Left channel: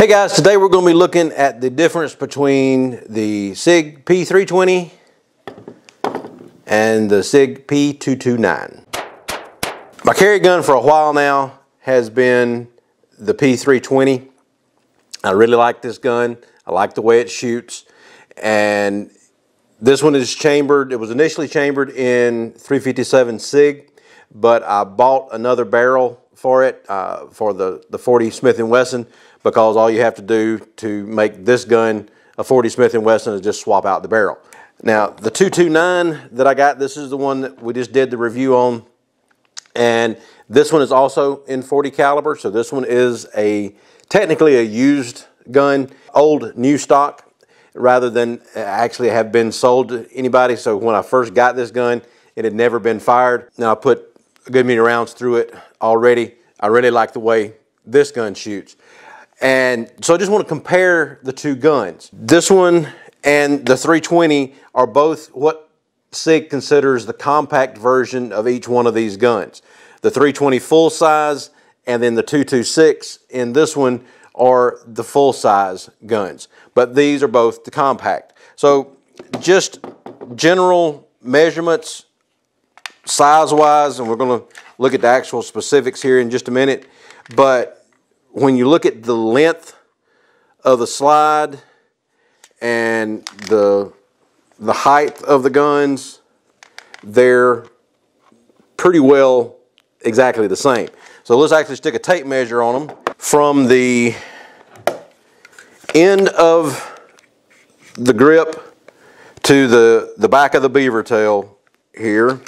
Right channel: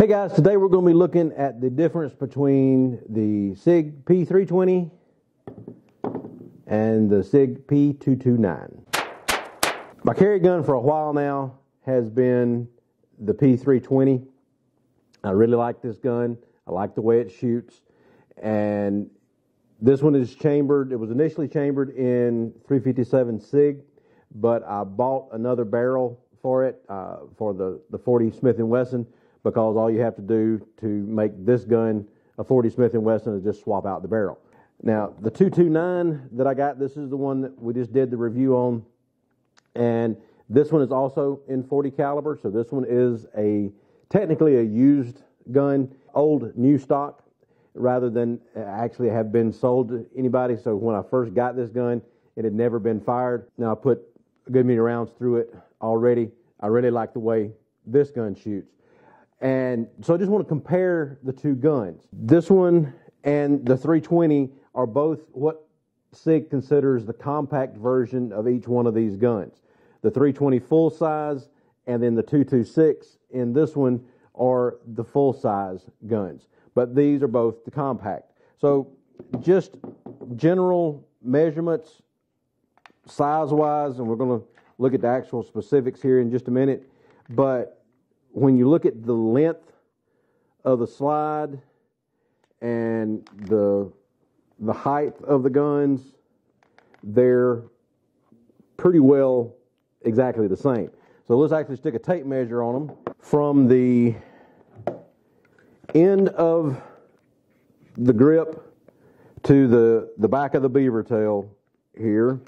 Hey guys, today we're going to be looking at the difference between the SIG P320 and the SIG P229. My carry gun for a while now has been the P320. I really like this gun. I like the way it shoots. And this one is chambered. It was initially chambered in 357 SIG, but I bought another barrel for it, for the 40 Smith & Wesson, because all you have to do to make this gun a 40 Smith & Wesson is just swap out the barrel. Now, the 229 that I got, this is the one that we just did the review on, and this one is also in 40 caliber, so this one is technically a used gun, old new stock, rather than actually have been sold to anybody. So when I first got this gun, it had never been fired. Now I put a good many rounds through it already. I really like the way this gun shoots. And so I just want to compare the two guns. This one and the 320 are both what SIG considers the compact version of each one of these guns. The 320 full size and then the 226 in this one are the full size guns. But these are both the compact. So just general measurements size-wise, and we're going to look at the actual specifics here in just a minute, but when you look at the length of the slide and the height of the guns, they're pretty well exactly the same. So let's actually stick a tape measure on them. From the end of the grip to the back of the beaver tail here,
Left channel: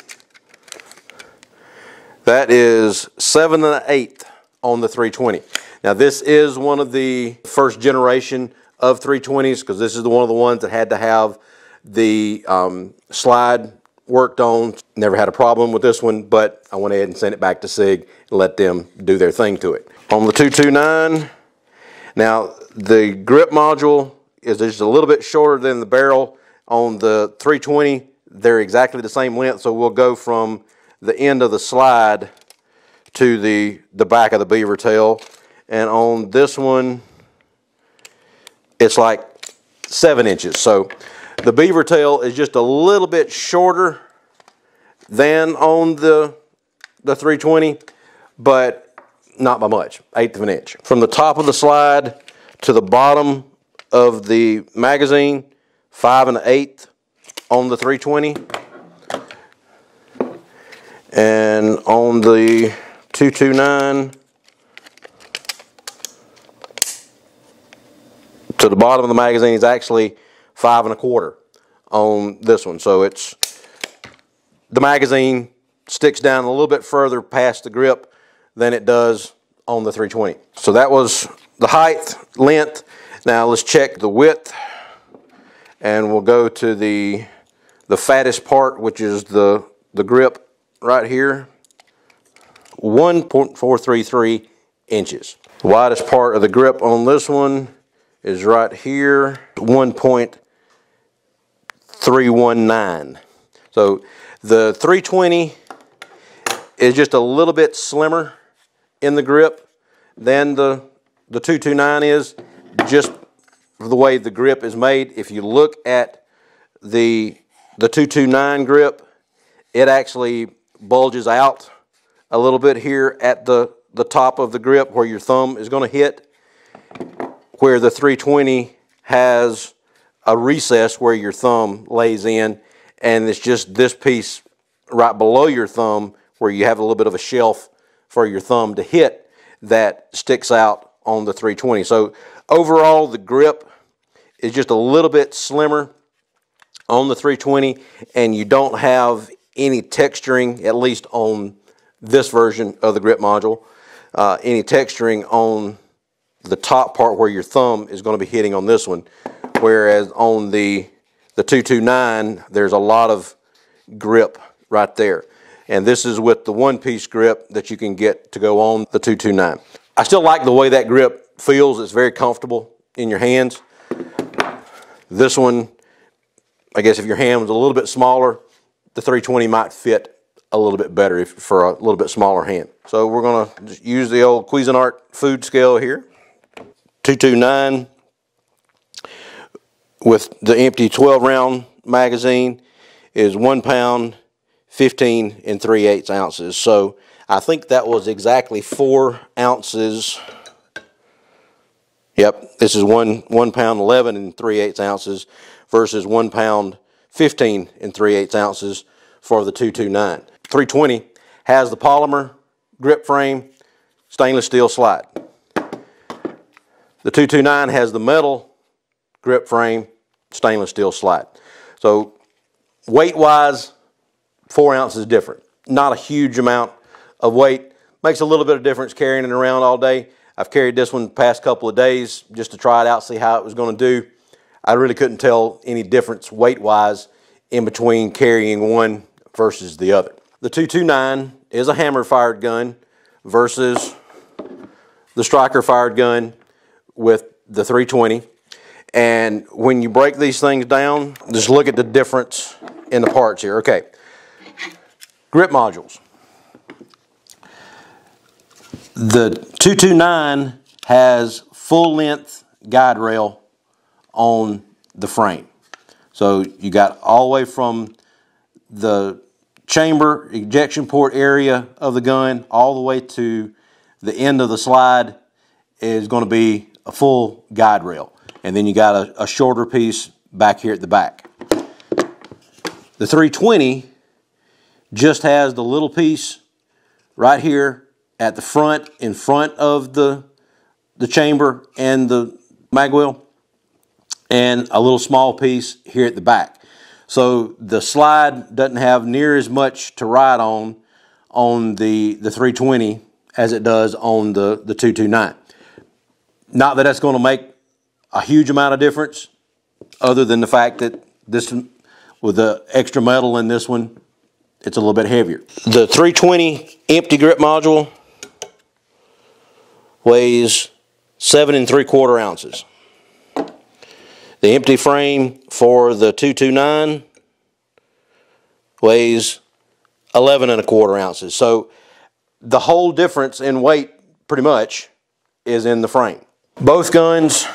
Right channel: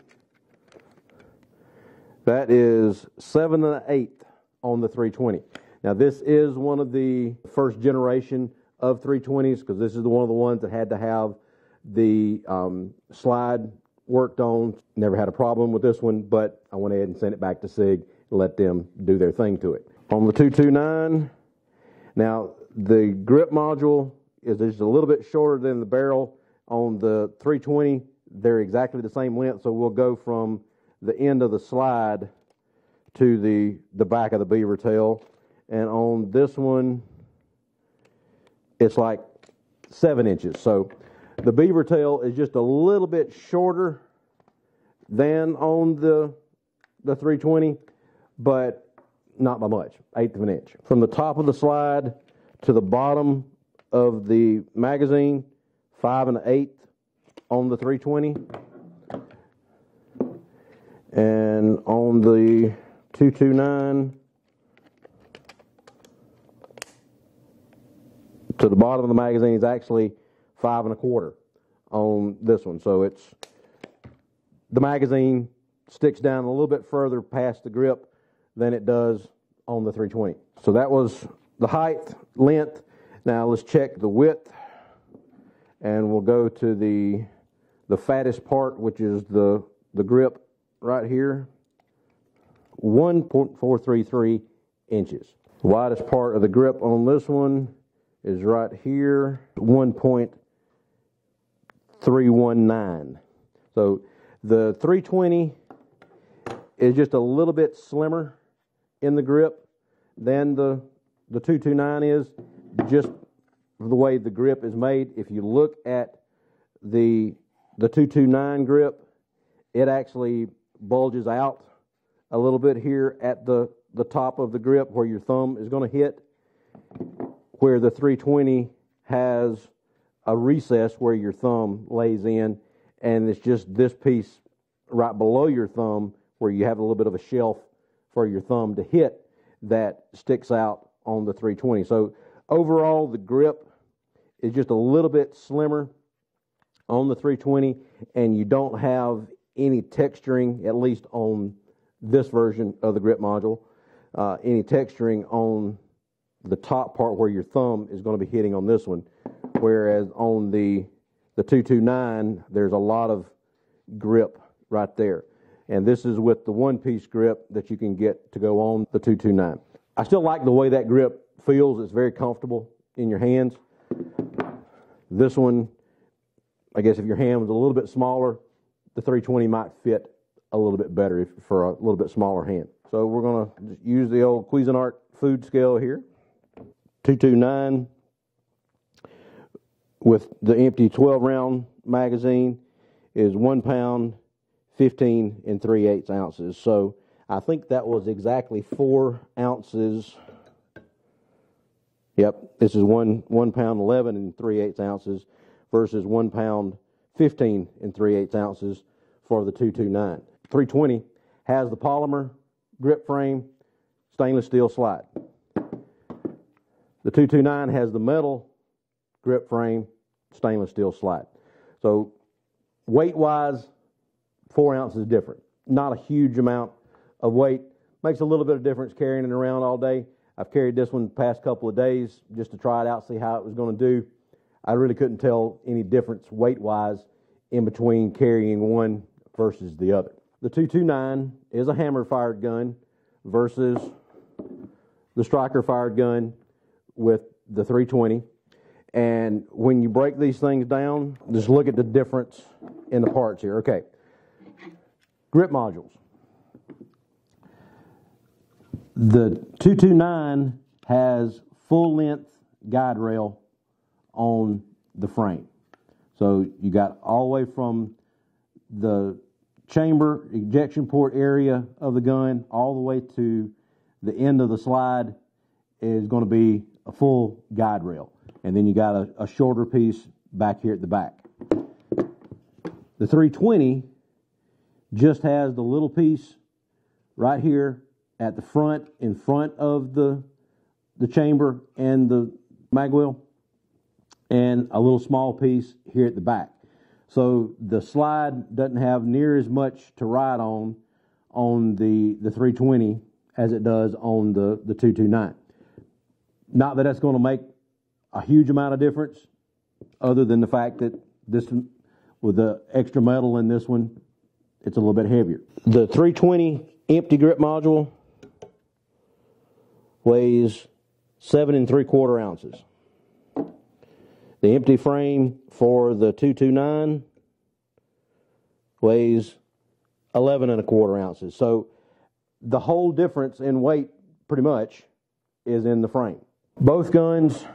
that is 7 1/8 on the 320. Now this is one of the first generation of 320s, because this is one of the ones that had to have the slide worked on. Never had a problem with this one, but I went ahead and sent it back to SIG and let them do their thing to it. On the 229, now the grip module is just a little bit shorter than the barrel. On the 320, they're exactly the same length, so we'll go from the end of the slide to the back of the beaver tail. And on this one, it's like 7 inches. So the beaver tail is just a little bit shorter than on the 320, but not by much, 1/8 of an inch. From the top of the slide to the bottom of the magazine, 5 1/8 on the 320. And on the 229, to the bottom of the magazine is actually 5 1/4 on this one. So the magazine sticks down a little bit further past the grip than it does on the 320. So that was the height, length. Now let's check the width, and we'll go to the fattest part, which is the grip right here. 1.433 inches. The widest part of the grip on this one is right here, 1.319. So the 320 is just a little bit slimmer in the grip than the 229 is, just the way the grip is made. If you look at the 229 grip, it actually bulges out a little bit here at the top of the grip where your thumb is going to hit, where the 320 has a recess where your thumb lays in, and it's just this piece right below your thumb where you have a little bit of a shelf for your thumb to hit that sticks out on the 320. So overall, the grip is just a little bit slimmer on the 320, and you don't have any texturing, at least on this version of the grip module, any texturing on the top part where your thumb is going to be hitting on this one, whereas on the 229 there's a lot of grip right there, and this is with the one-piece grip that you can get to go on the 229. I still like the way that grip feels. It's very comfortable in your hands. This one, I guess if your hand was a little bit smaller, the 320 might fit a little bit better for a little bit smaller hand. So we're going to use the old Cuisinart food scale here. 229 with the empty 12 round magazine is 1 pound 15 3/8 ounces. So I think that was exactly 4 ounces. Yep, this is 1 pound 11 3/8 ounces versus 1 pound 15 3/8 ounces for the 229. 320 has the polymer grip frame, stainless steel slide. The 229 has the metal grip frame, stainless steel slide. So weight-wise, 4 ounces different. Not a huge amount of weight. Makes a little bit of difference carrying it around all day. I've carried this one the past couple of days just to try it out, see how it was going to do. I really couldn't tell any difference weight-wise in between carrying one versus the other. The 229 is a hammer-fired gun versus the striker-fired gun with the 320. And when you break these things down, just look at the difference in the parts here. Okay, grip modules. The 229 has full-length guide rail on the frame. So you got all the way from the chamber ejection port area of the gun all the way to the end of the slide is going to be a full guide rail. And then you got a shorter piece back here at the back. The 320 just has the little piece right here at the front, in front of the chamber and the mag wheel, and a little small piece here at the back. So the slide doesn't have near as much to ride on the 320 as it does on the 229. Not that that's going to make a huge amount of difference, other than the fact that this one, with the extra metal in this one, it's a little bit heavier. The 320 empty grip module weighs 7 3/4 ounces. The empty frame for the 229 weighs 11 1/4 ounces. So the whole difference in weight pretty much is in the frame. Both guns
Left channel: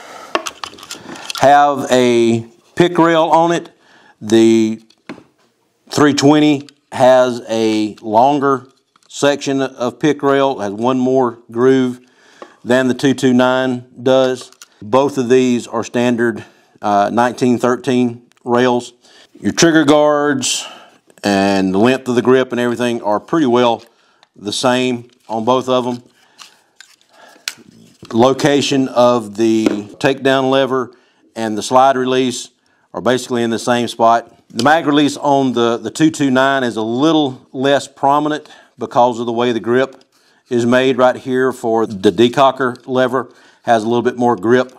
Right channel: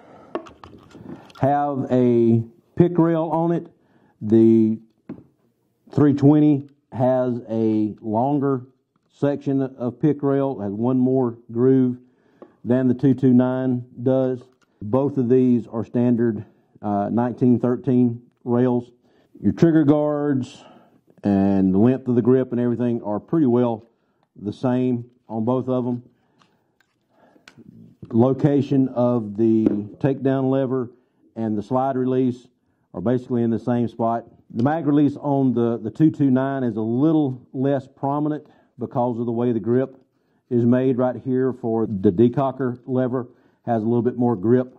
have a pick rail on it. The 320 has a longer section of pick rail, has one more groove than the 229 does. Both of these are standard 1913 rails. Your trigger guards and the length of the grip and everything are pretty well the same on both of them. Location of the takedown lever and the slide release are basically in the same spot. The mag release on the 229 is a little less prominent because of the way the grip is made right here. For the decocker lever has a little bit more grip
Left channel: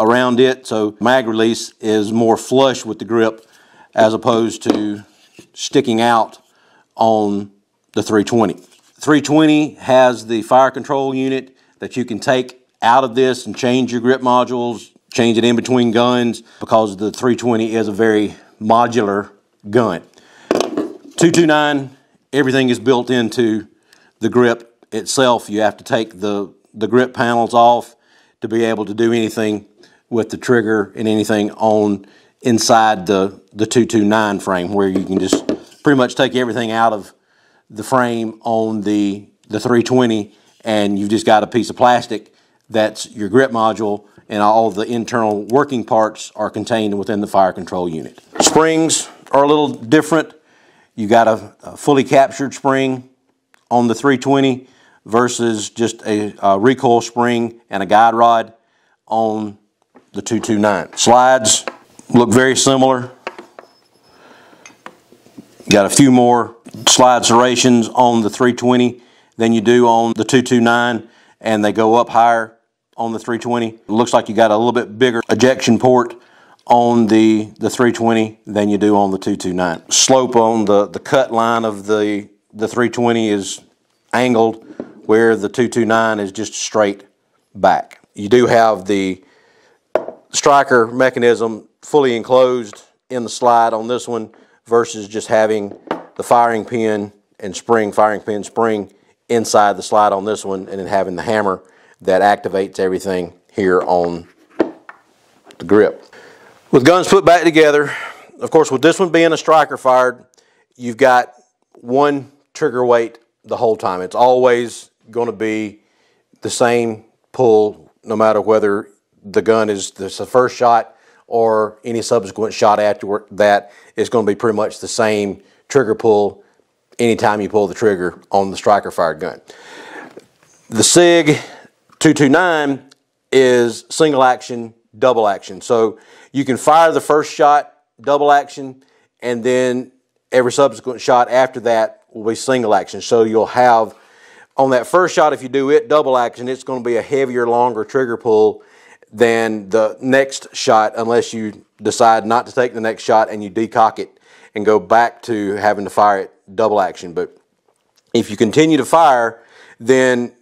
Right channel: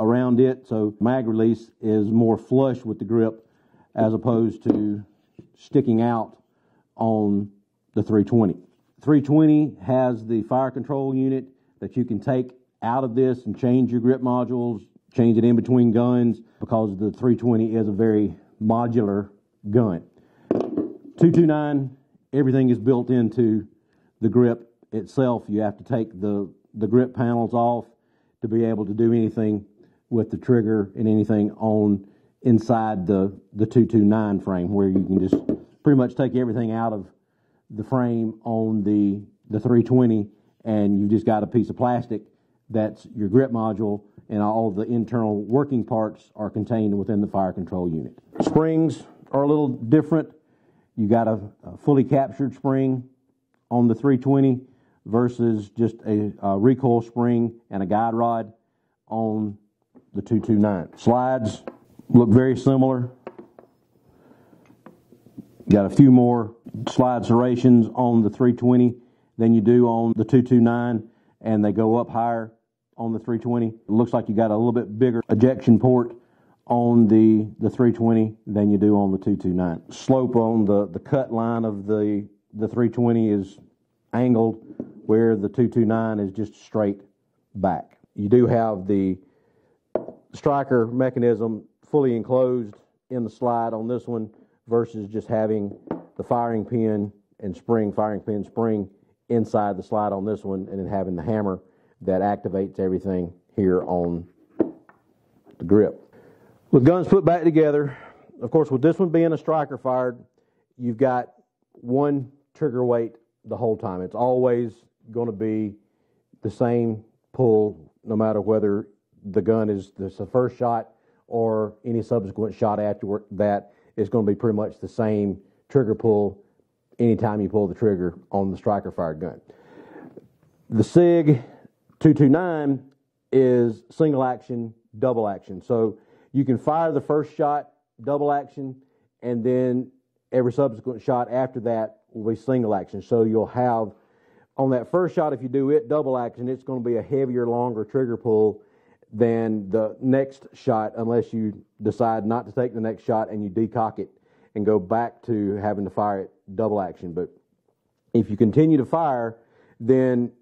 around it, so mag release is more flush with the grip as opposed to sticking out on the 320. 320 has the fire control unit that you can take out of this and change your grip modules, change it in between guns, because the 320 is a very modular gun. 229, everything is built into the grip itself. You have to take the grip panels off to be able to do anything with the trigger and anything on inside the 229 frame, where you can just pretty much take everything out of the frame on the 320, and you've just got a piece of plastic that's your grip module, and all the internal working parts are contained within the fire control unit. Springs are a little different. You got a fully captured spring on the 320 versus just a recoil spring and a guide rod on the 229. Slides look very similar. Got a few more slide serrations on the 320 than you do on the 229, and they go up higher on the 320. It looks like you got a little bit bigger ejection port on the 320 than you do on the 229. Slope on the cut line of the 320 is angled, where the 229 is just straight back. You do have the striker mechanism fully enclosed in the slide on this one versus just having the firing pin and spring, inside the slide on this one, and then having the hammer that activates everything here on the grip. With guns put back together, of course with this one being a striker fired, you've got one trigger weight the whole time. It's always going to be the same pull no matter whether the gun is the first shot or any subsequent shot after that. It's going to be pretty much the same trigger pull anytime you pull the trigger on the striker fired gun. The SIG 229 is single action, double action. So you can fire the first shot double action, and then every subsequent shot after that will be single action. So you'll have, on that first shot, if you do it double action, it's going to be a heavier, longer trigger pull than the next shot, unless you decide not to take the next shot and you decock it and go back to having to fire it double action. But if you continue to fire, then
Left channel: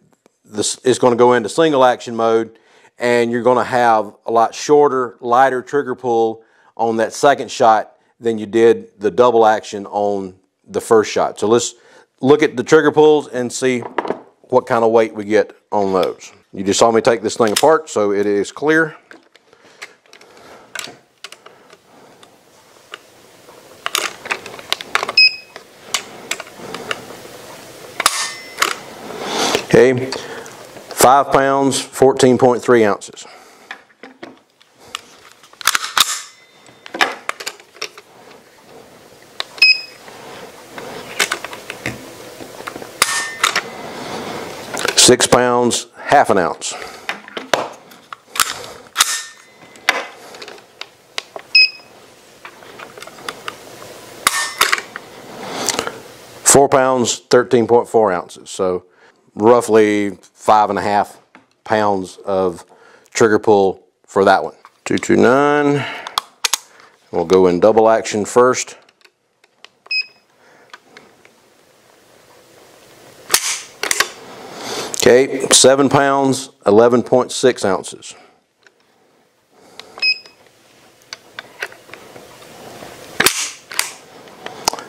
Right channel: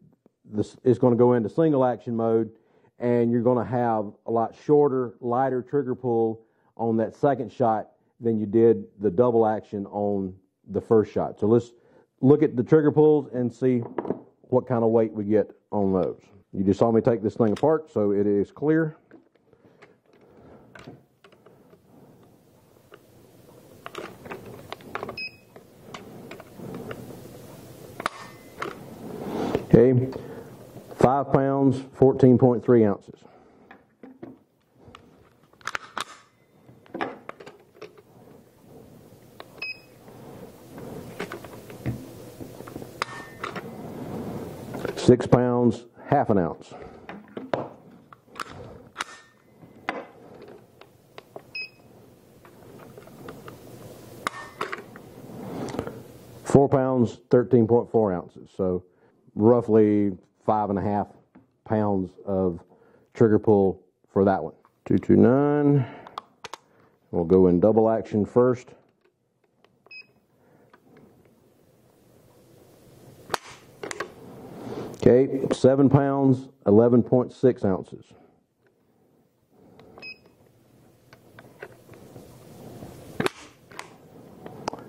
it's going to go into single action mode, and you're going to have a lot shorter, lighter trigger pull on that second shot than you did the double action on the first shot. So let's look at the trigger pulls and see what kind of weight we get on those. You just saw me take this thing apart, so it is clear. Okay, 5 pounds, 14.3 ounces. Six pounds, half an ounce. Four pounds, 13.4 ounces. So roughly 5.5 pounds of trigger pull for that one. 229. We'll go in double action first. Okay, 7 pounds, 11.6 ounces.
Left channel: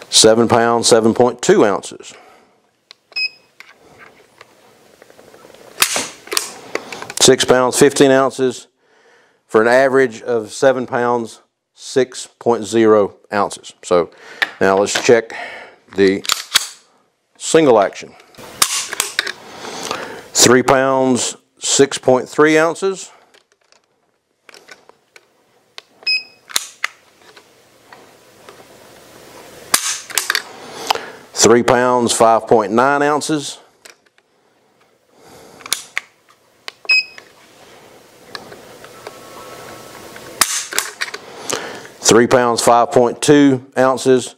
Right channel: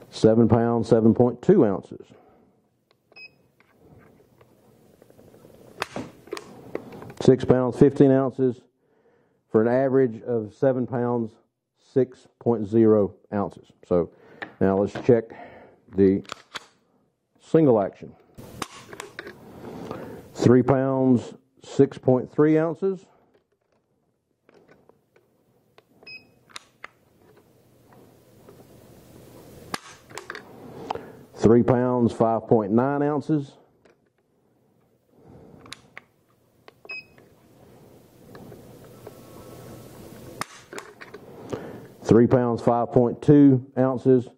Seven pounds, 7.2 ounces. 6 pounds, 15 ounces, for an average of 7 pounds, 6.0 ounces. So now let's check the single action. 3 pounds, 6.3 ounces. 3 pounds, 5.9 ounces. 3 pounds, 5.2 ounces,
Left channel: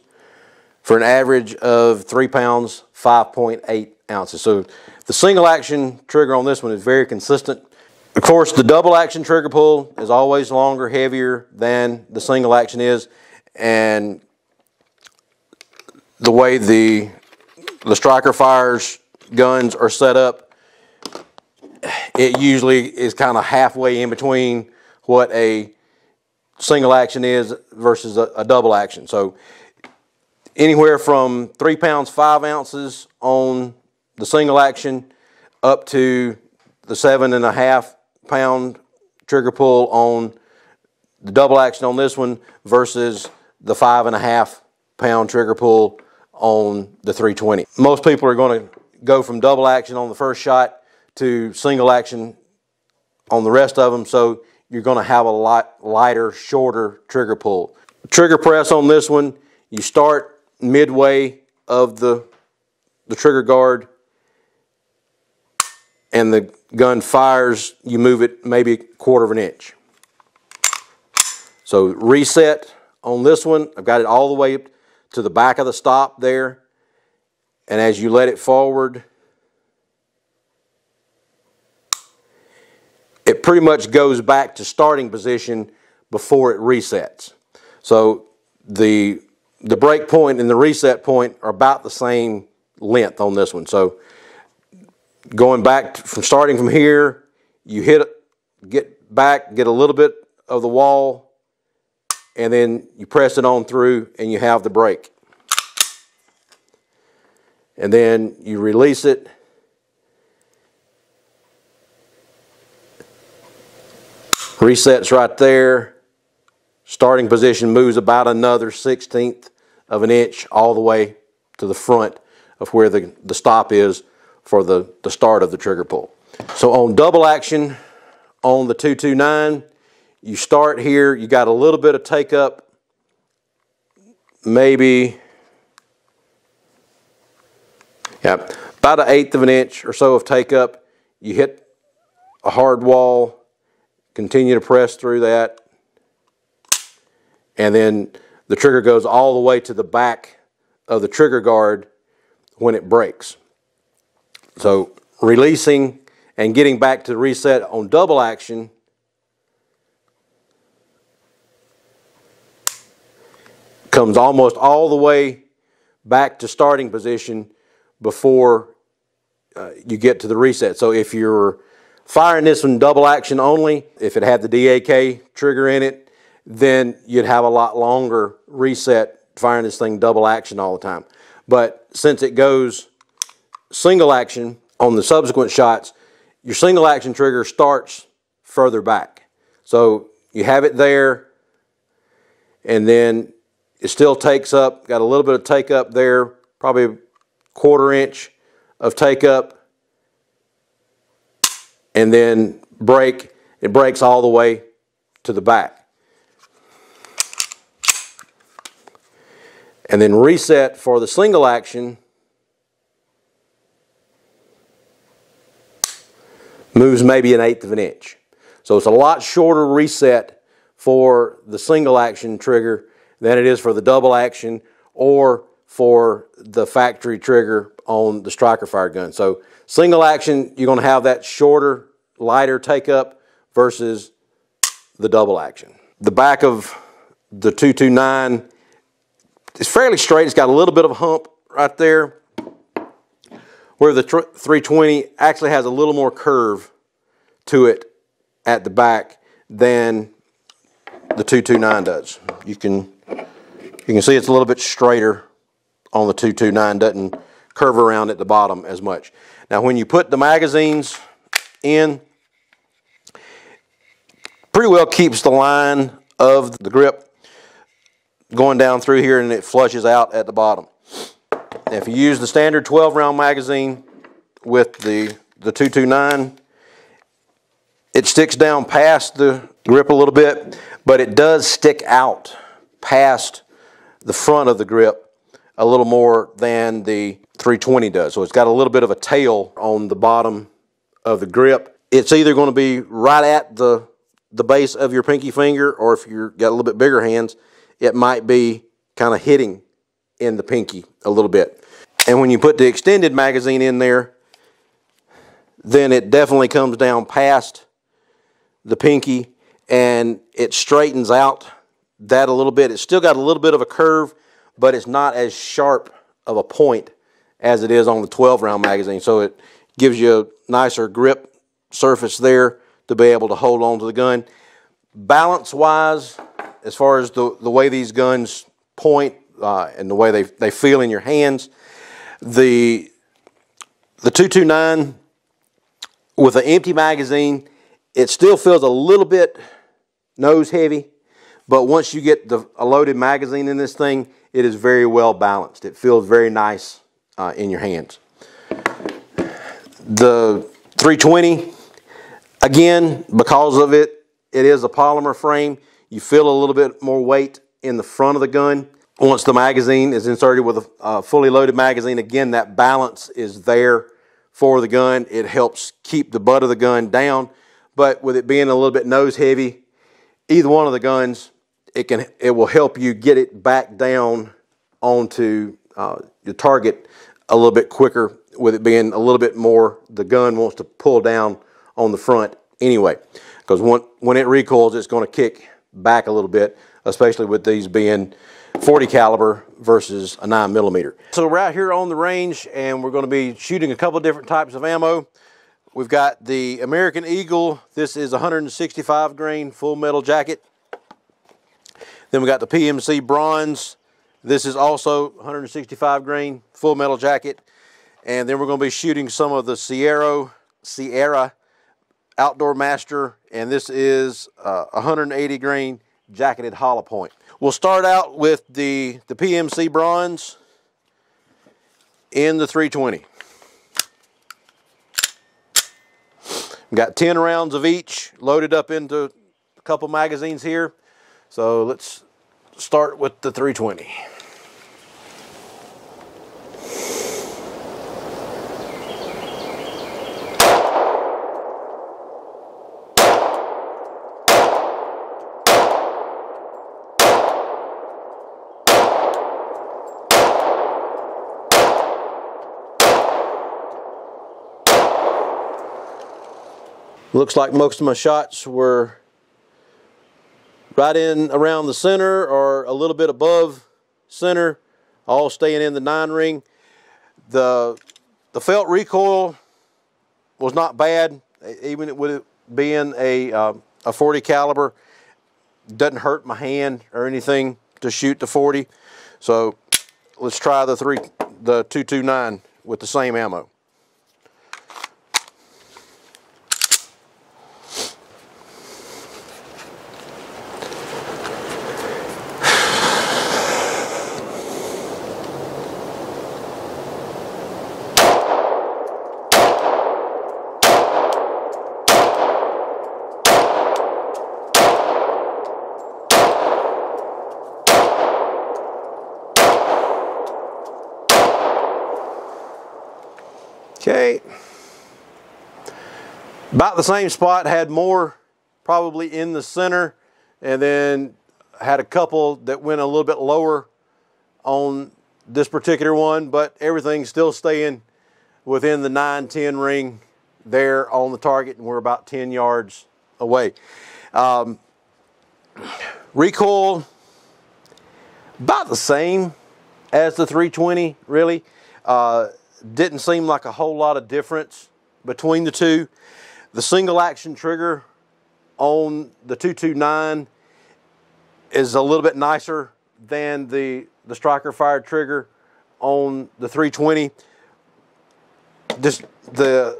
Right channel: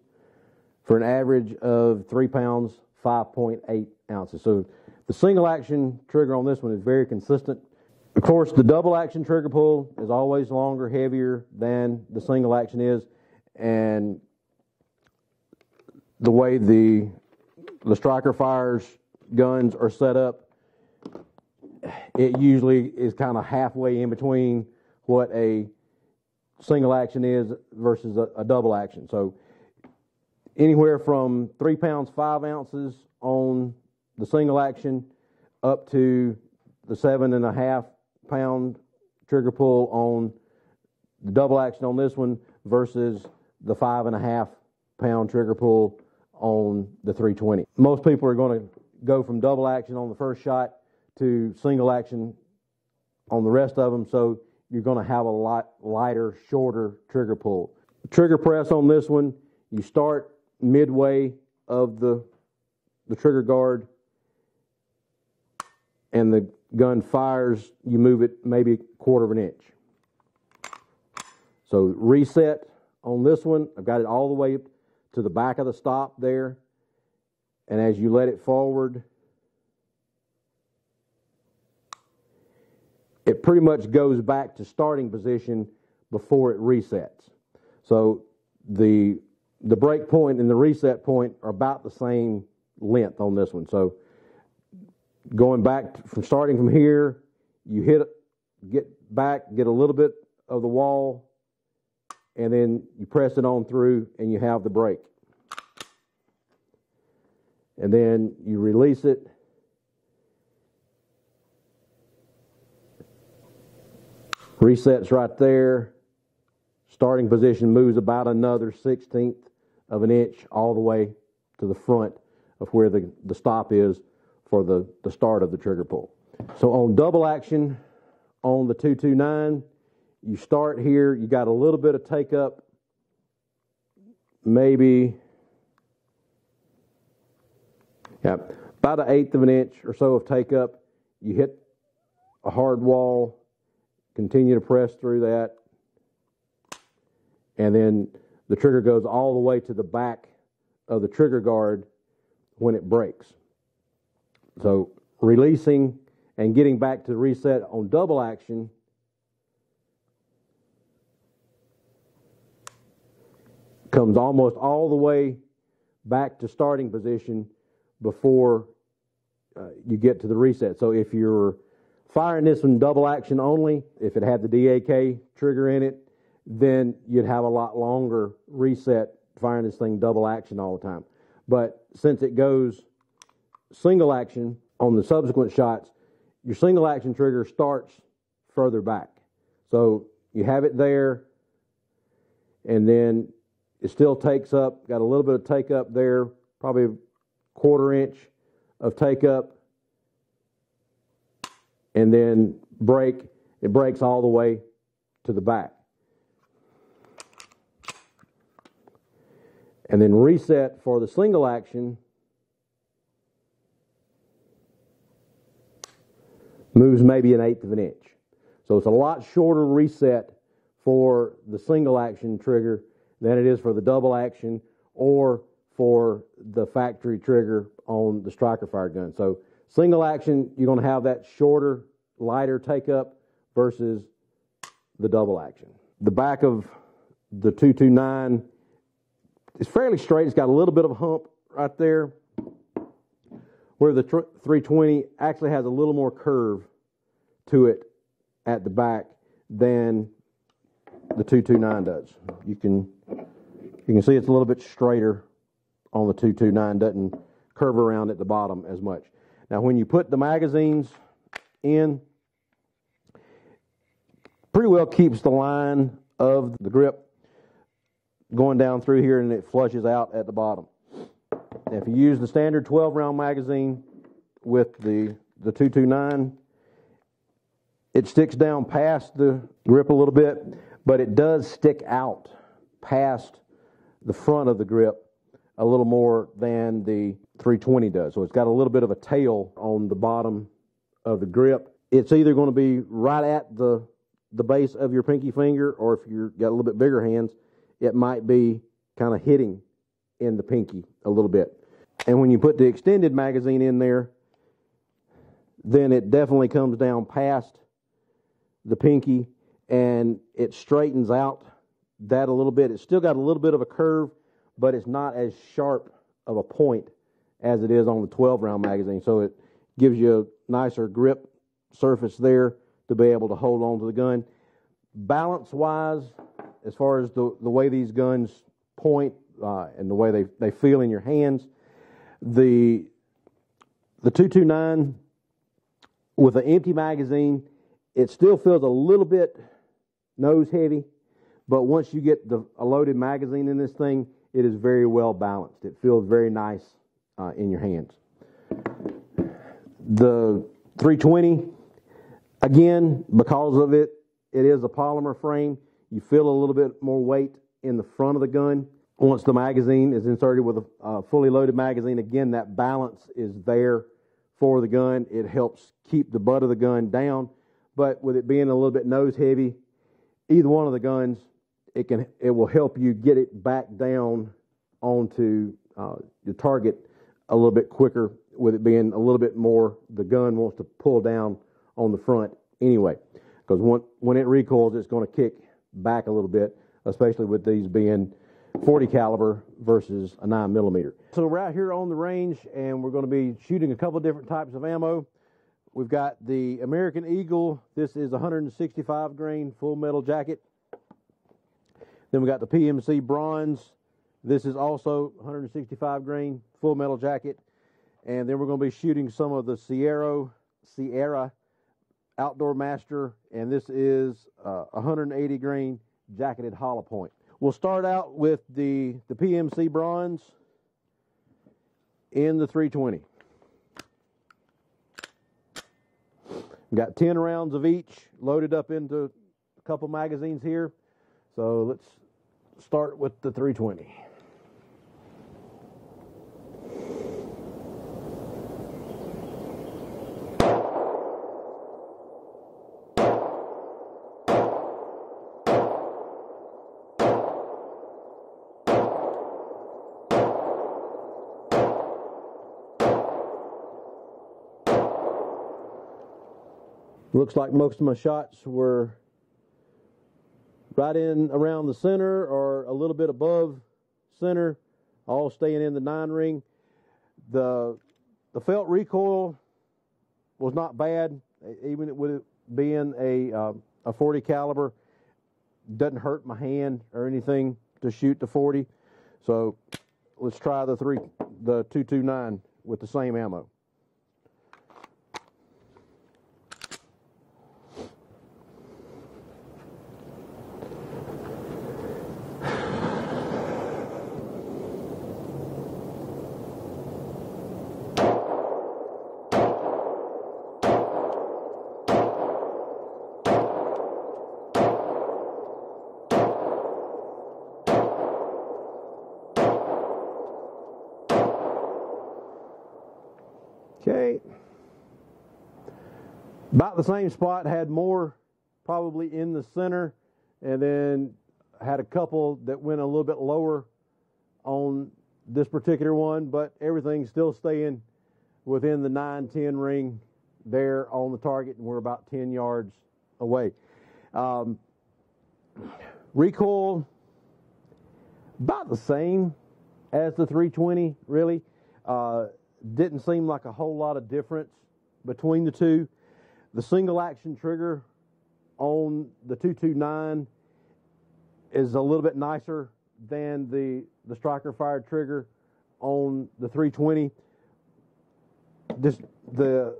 for an average of 3 pounds, 5.8 ounces. So the single action trigger on this one is very consistent. Of course, the double action trigger pull is always longer, heavier than the single action is, and the way the striker fires guns are set up, it usually is kind of halfway in between what a single action is versus a double action. So anywhere from 3 pounds, 5 ounces on the single action up to the 7.5 pound trigger pull on the double action on this one versus the 5.5 pound trigger pull on the 320. Most people are going to go from double action on the first shot to single action on the rest of them, so you're going to have a lot lighter, shorter trigger pull. Trigger press on this one, you start midway of the trigger guard, and the gun fires, you move it maybe 1/4 of an inch. So reset on this one, I've got it all the way to the back of the stop there, and as you let it forward, it pretty much goes back to starting position before it resets. So the break point and the reset point are about the same length on this one. So going back from starting from here, you hit it, get back, get a little bit of the wall, and then you press it on through and you have the break. And then you release it. Resets right there. Starting position moves about another 1/16 of an inch all the way to the front of where the stop is for the start of the trigger pull. So on double action on the 229, you start here, you got a little bit of take up, maybe about 1/8 of an inch or so of take up. You hit a hard wall, continue to press through that, and then the trigger goes all the way to the back of the trigger guard when it breaks. So releasing and getting back to the reset on double action, comes almost all the way back to starting position before you get to the reset. So if you're firing this one double action only, if it had the DAK trigger in it, then you'd have a lot longer reset firing this thing double action all the time. But since it goes single action on the subsequent shots, your single action trigger starts further back. So you have it there, and then it still takes up, got a little bit of take up there, probably a 1/4 inch of take up, and then break. It breaks all the way to the back. And then reset for the single action moves maybe 1/8 of an inch. So it's a lot shorter reset for the single action trigger than it is for the double action or for the factory trigger on the striker fire gun. So single action, you're going to have that shorter, lighter take up versus the double action. The back of the 229 is fairly straight. It's got a little bit of a hump right there, where the 320 actually has a little more curve to it at the back than the 229 does. You can see it's a little bit straighter on the 229, doesn't curve around at the bottom as much. Now when you put the magazines in, pretty well keeps the line of the grip going down through here, and it flushes out at the bottom. Now, if you use the standard 12-round magazine with the 229, it sticks down past the grip a little bit, but it does stick out past the front of the grip a little more than the 320 does. So it's got a little bit of a tail on the bottom of the grip. It's either going to be right at the base of your pinky finger, or if you've got a little bit bigger hands, it might be kind of hitting in the pinky a little bit. And when you put the extended magazine in there, then it definitely comes down past the pinky and it straightens out that a little bit. It's still got a little bit of a curve, but it's not as sharp of a point as it is on the 12-round magazine. So it gives you a nicer grip surface there to be able to hold on to the gun. Balance-wise, as far as the way these guns point and the way they feel in your hands, the 229 with an empty magazine, it still feels a little bit nose heavy, but once you get a loaded magazine in this thing, it is very well balanced. It feels very nice in your hands. The 320, again, because of it is a polymer frame, you feel a little bit more weight in the front of the gun. Once the magazine is inserted with a fully loaded magazine, again, that balance is there for the gun. It helps keep the butt of the gun down, but with it being a little bit nose heavy, either one of the guns, it will help you get it back down onto your target a little bit quicker, with it being a little bit more, the gun wants to pull down on the front anyway, because when it recoils, it's going to kick back a little bit, especially with these being 40 caliber versus a 9mm. So we're out here on the range and we're going to be shooting a couple different types of ammo. We've got the American Eagle. This is 165 grain full metal jacket. Then we got the PMC Bronze. This is also 165 grain full metal jacket. And then we're going to be shooting some of the Sierra Outdoor Master, and this is 180 grain jacketed hollow point. We'll start out with the PMC bronze in the 320. Got 10 rounds of each loaded up into a couple magazines here. So let's start with the 320. Looks like most of my shots were right in around the center or a little bit above center, all staying in the 9 ring. The felt recoil was not bad, even with it being a 40 caliber. Doesn't hurt my hand or anything to shoot the 40. So let's try the 229 with the same ammo. Okay, about the same spot, had more probably in the center, and then had a couple that went a little bit lower on this particular one, but everything's still staying within the 9-10 ring there on the target, and we're about 10 yards away. Recoil, about the same as the 320, really. Didn't seem like a whole lot of difference between the two. The single action trigger on the 229 is a little bit nicer than the striker fired trigger on the 320. Just the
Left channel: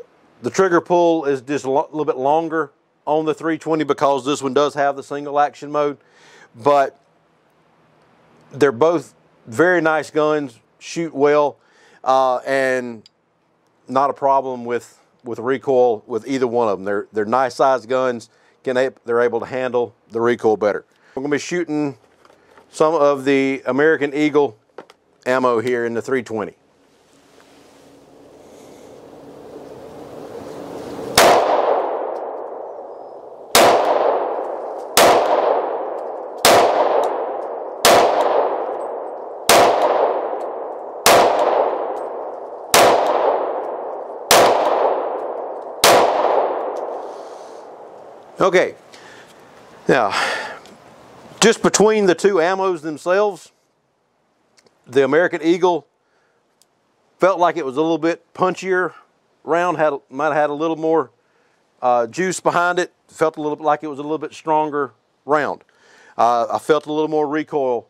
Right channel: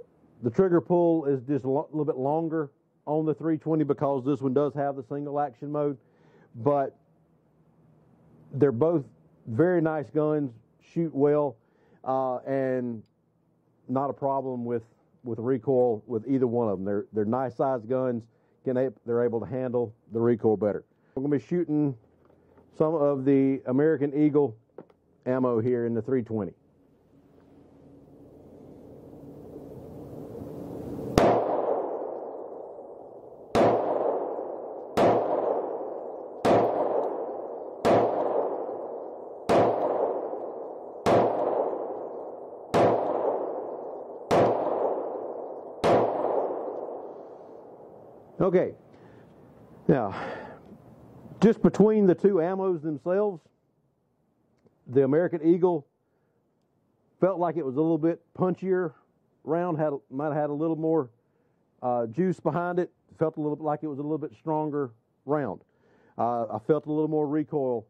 trigger pull is just a little bit longer on the 320 because this one does have the single action mode, but they're both very nice guns, shoot well. And not a problem with recoil with either one of them. They're nice sized guns. They're able to handle the recoil better. We're going to be shooting some of the American Eagle ammo here in the 320. Okay, now, just between the two ammos themselves, the American Eagle felt like it was a little bit punchier round, might have had a little more juice behind it, felt a little bit like it was a little bit stronger round. I felt a little more recoil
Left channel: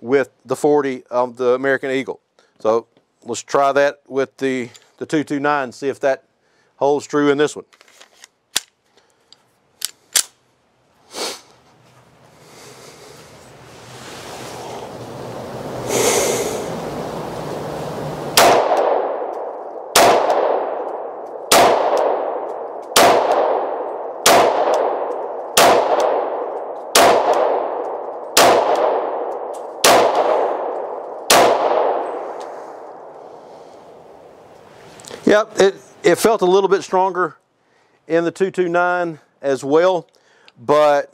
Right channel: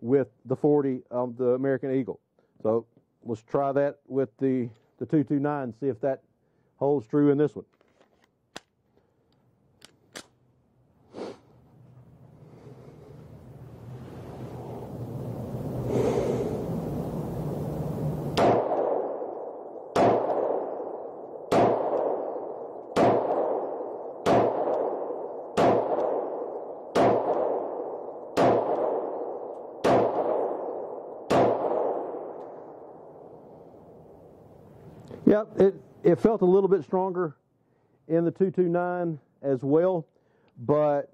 with the 40 of the American Eagle. So let's try that with the 229, see if that holds true in this one. Yep, it felt a little bit stronger in the 229 as well, but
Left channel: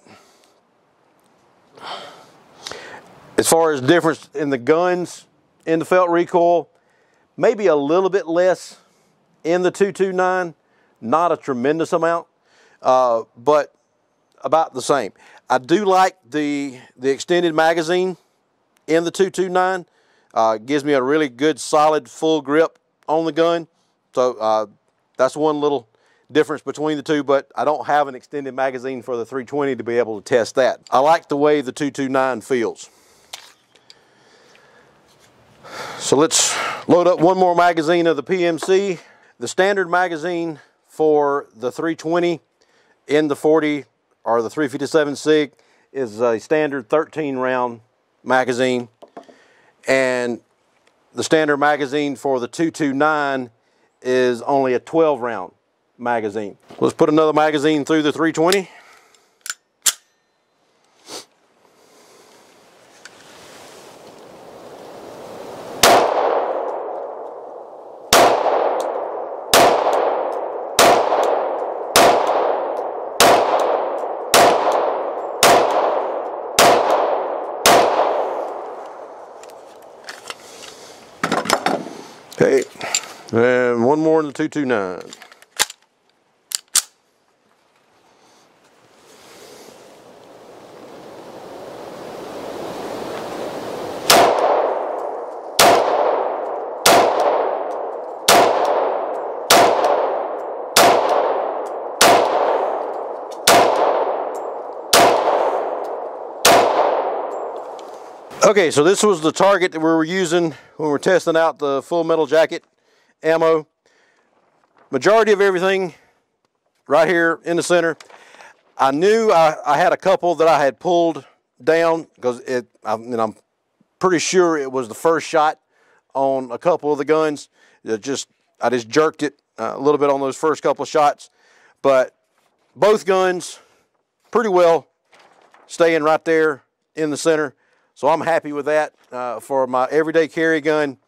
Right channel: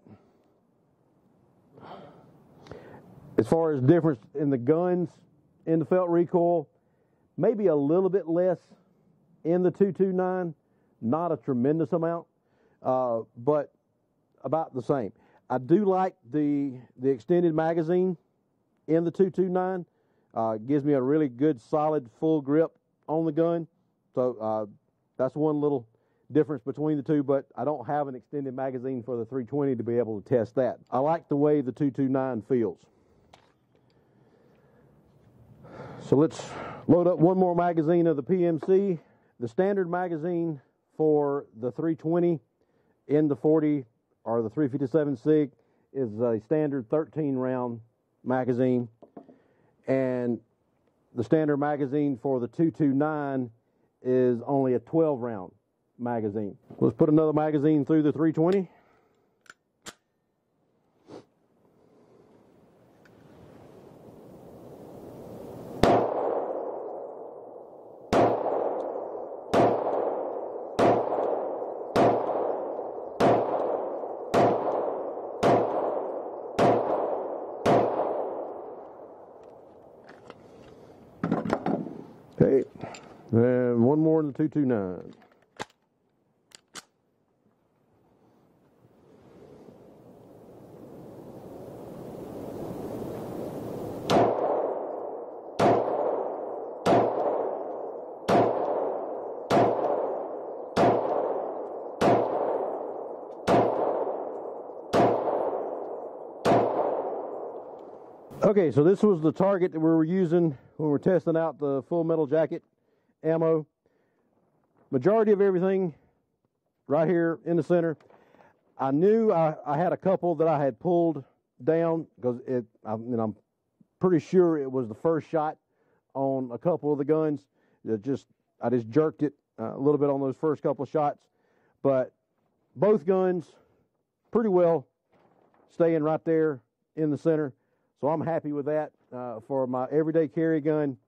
as far as difference in the guns in the felt recoil, maybe a little bit less in the 229, not a tremendous amount, but about the same. I do like the extended magazine in the 229. Gives me a really good solid full grip on the gun. So that's one little difference between the two, but I don't have an extended magazine for the 320 to be able to test that. I like the way the 229 feels. So let's load up one more magazine of the PMC. The standard magazine for the 320 in the 40 or the 357 SIG is a standard 13 round magazine, and the standard magazine for the 229 is only a 12 round magazine. Let's put another magazine through the 320. Okay, and one more in the 229. Okay, so this was the target that we were using when we were testing out the full metal jacket ammo. Majority of everything right here in the center. I knew I had a couple that I had pulled down because I'm pretty sure it was the first shot on a couple of the guns. I just jerked it a little bit on those first couple of shots, but both guns pretty well staying right there in the center. So I'm happy with that. For my everyday carry gun,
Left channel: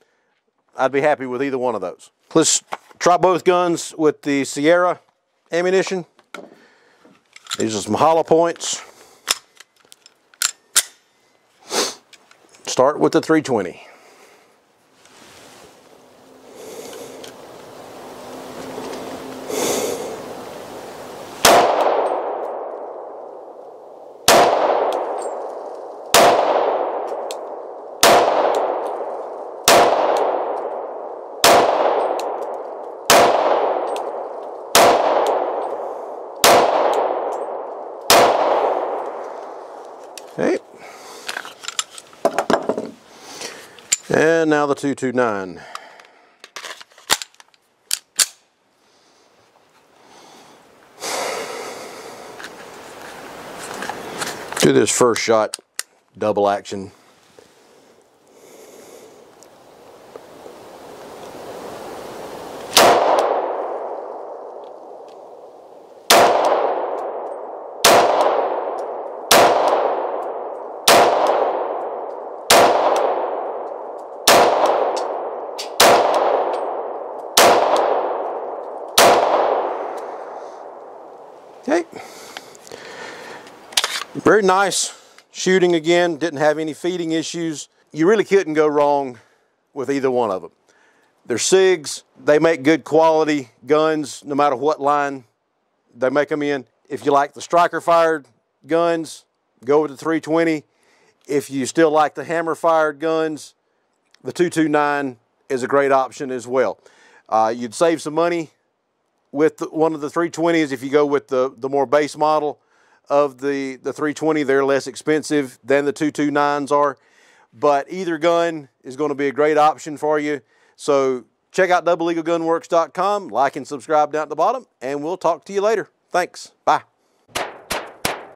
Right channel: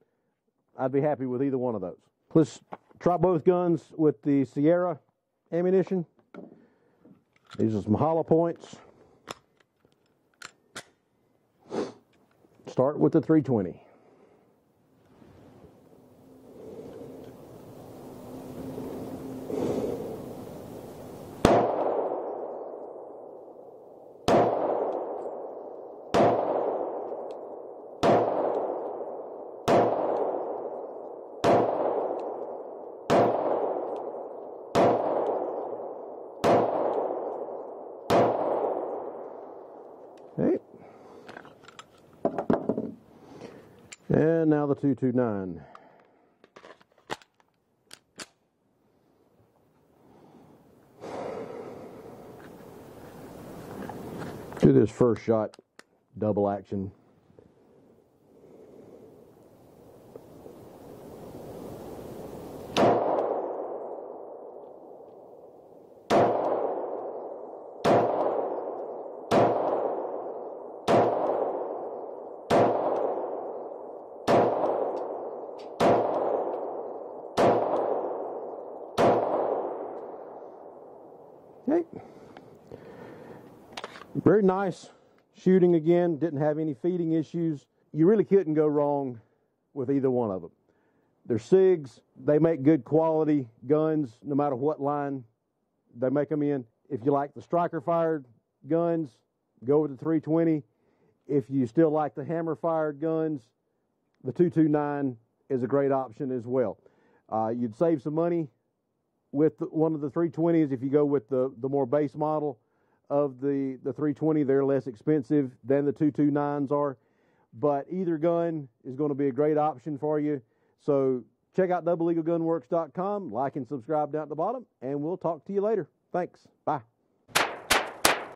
I'd be happy with either one of those. Let's try both guns with the Sierra ammunition. These are some hollow points. Start with the 320. Okay. And now the 229. Do this first shot, double action. Okay, very nice shooting again, didn't have any feeding issues. You really couldn't go wrong with either one of them. They're SIGs, they make good quality guns no matter what line they make them in. If you like the striker fired guns, go with the 320. If you still like the hammer fired guns, the 229 is a great option as well. You'd save some money with one of the 320s if you go with the more base model of the 320. They're less expensive than the 229s are, but either gun is going to be a great option for you. So check out doubleeaglegunworks.com, like and subscribe down at the bottom, and we'll talk to you later. Thanks. Bye.